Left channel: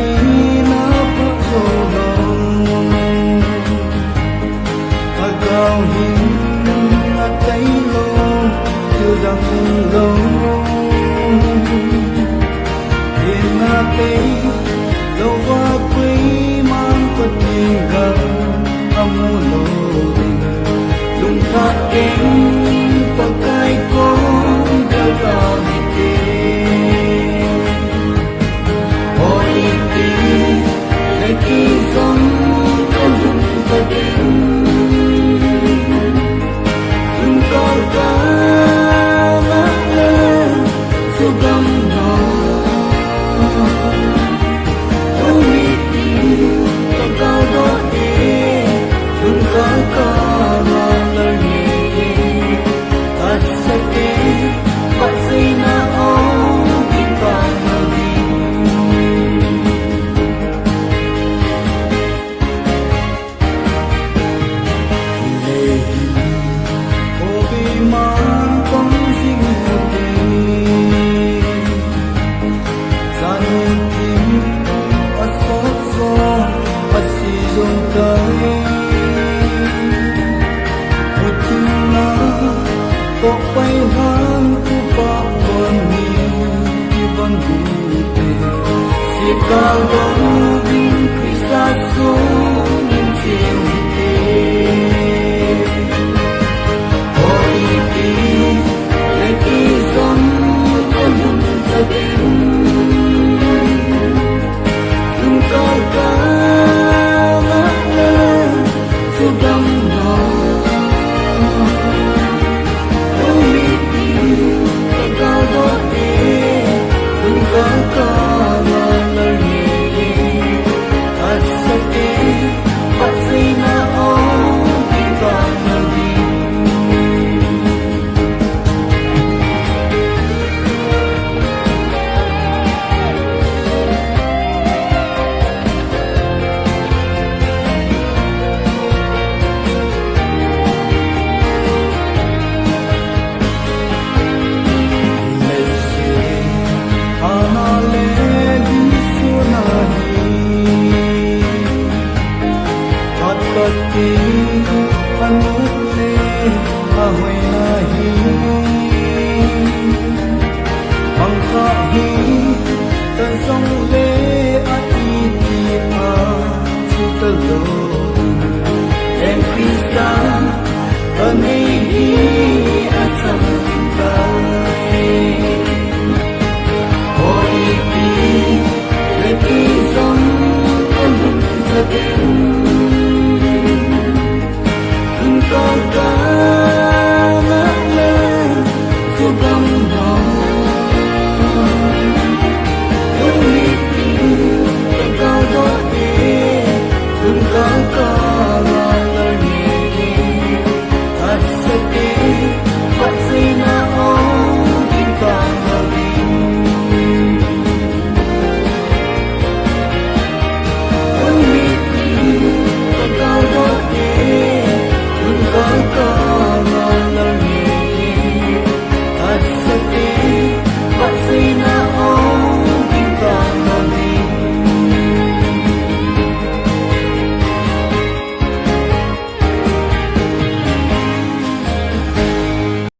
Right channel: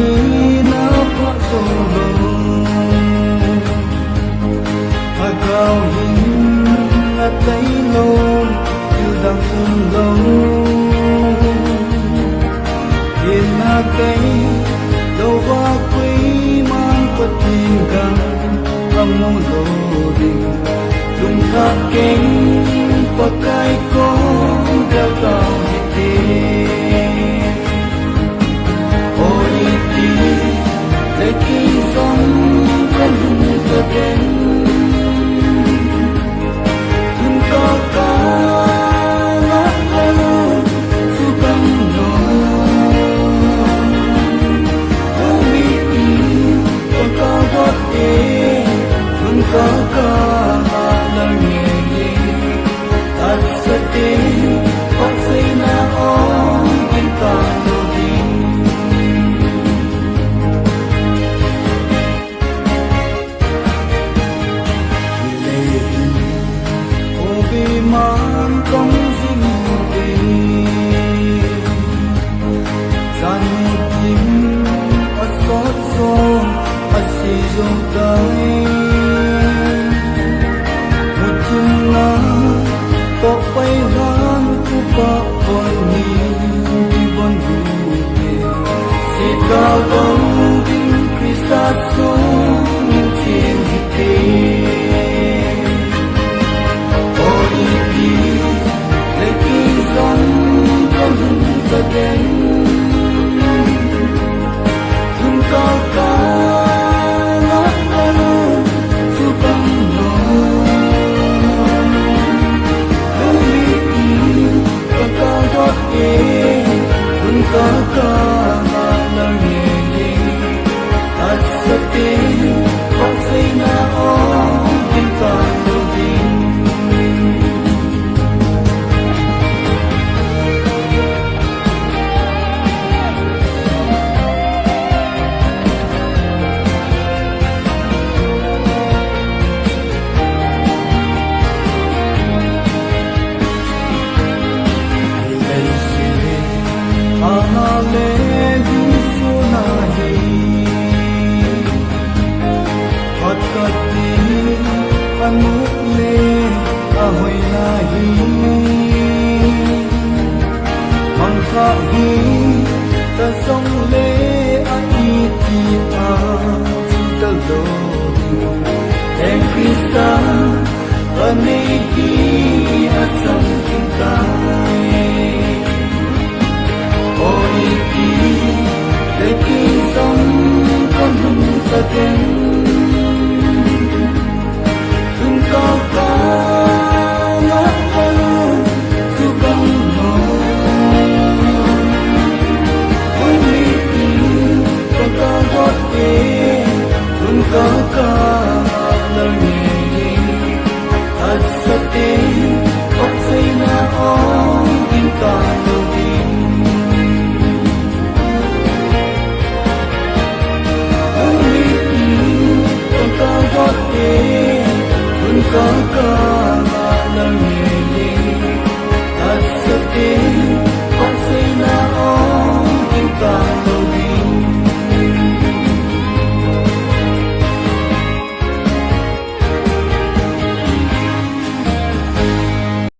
ina pa solo agaw hin atay lo yudang lo inatay lo va quy mang patinggang amulo ding lung tha keng pakai kong bel tao hite oi ti le ki song con lung ta den lung cao ca la la su gam no lung mi ti ka cao do e lung cao ca la la nghe ye asate ba say na o din ta no din le hin o bi man tong sing mu te san mu tin a so so a si zo tai mu chin na to pai han ku pa bon ni ki bon du te si cao dong vinh Krista so min chiu hi te oi ti le ki zon con lung ta den lung cao ca la la su gam no lung mi ti ka cao do e lung cao ca la la nghe ye asate ba say na o din ta no din anale disu nahi hat kati anukle ahoy nahi mangkha hi tasong le a iti a sutalo din en Krista anei hi at sam kimtai